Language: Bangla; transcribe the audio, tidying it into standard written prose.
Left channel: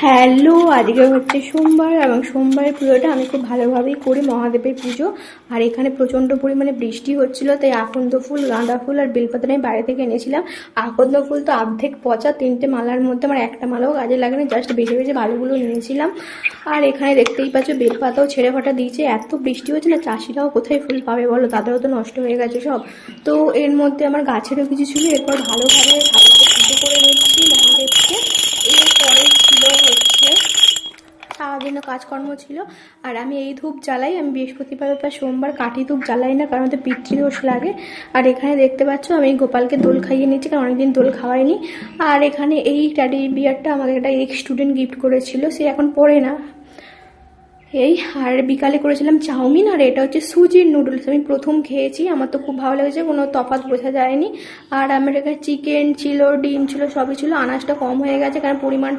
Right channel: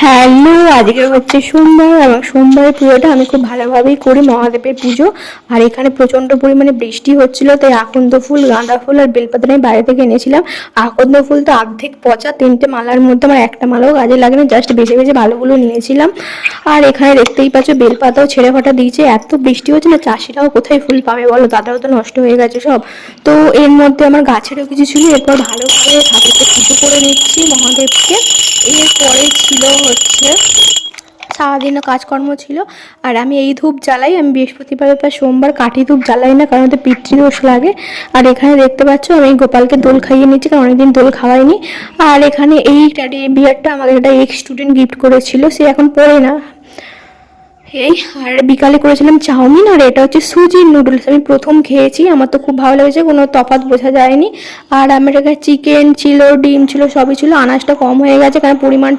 হ্যালো, আজকে হচ্ছে সোমবার এবং সোমবারের পুজোটা আমি খুব ভালোভাবেই করি, মহাদেবের পুজো। আর এখানে প্রচণ্ড পরিমাণে বৃষ্টি হচ্ছিল, তাই আকন্দ ফুল, গাঁদা ফুল আর বেলপাতা আমি বাইরে থেকে এনেছিলাম। আকন্দ ফুল তো অর্ধেক পচা, 3টে মালার মধ্যে আমার একটা মালাও কাজে লাগে না, জাস্ট বেছে বেছে ভালোগুলো নিয়েছিলাম। আর এখানে দেখতেই পাচ্ছ বেলপাতাও ছেড়ে ফাটা দিয়েছে। এত বৃষ্টি হচ্ছে না, চাষিরাও কোথায় ফুল পাবে বলো, তাদেরও তো নষ্ট হয়ে গেছে সব। তো এর মধ্যে আমার গাছেরও কিছু ছিল, এরপর ভালোভাবে ঠাকুরকে পুজো করে নিচ্ছি মহাদেবকে। এরপরে ছিল হচ্ছে সারাদিনও কাজকর্ম ছিল। আর আমি এই ধূপ জ্বালাই, আমি বৃহস্পতিবার বা সোমবার কাঠি ধূপ জ্বালাই না, কারণ ওতে পিতৃদোষ লাগে। আর এখানে দেখতে পাচ্ছ আমি গোপালকে দোল খাইয়ে নিচ্ছি, কারণ অনেকদিন দোল খাওয়াইনি। আর এখানে এই টেডি বিয়ারটা আমাকে একটা এক্স স্টুডেন্ট গিফট করেছিল, সে এখন পড়ে না। এই আর বিকালে করেছিলাম চাউমিন, আর এটা হচ্ছে সুজির নুডলস। আমি প্রথম খেয়েছি, আমার তো খুব ভালো লেগেছে, কোনো তফাৎ বোঝা যায়নি। আর আমার এখানে চিকেন ছিল, ডিম ছিল, সবই ছিল। আনাজটা কম হয়ে গেছে কারণ পরিমাণটা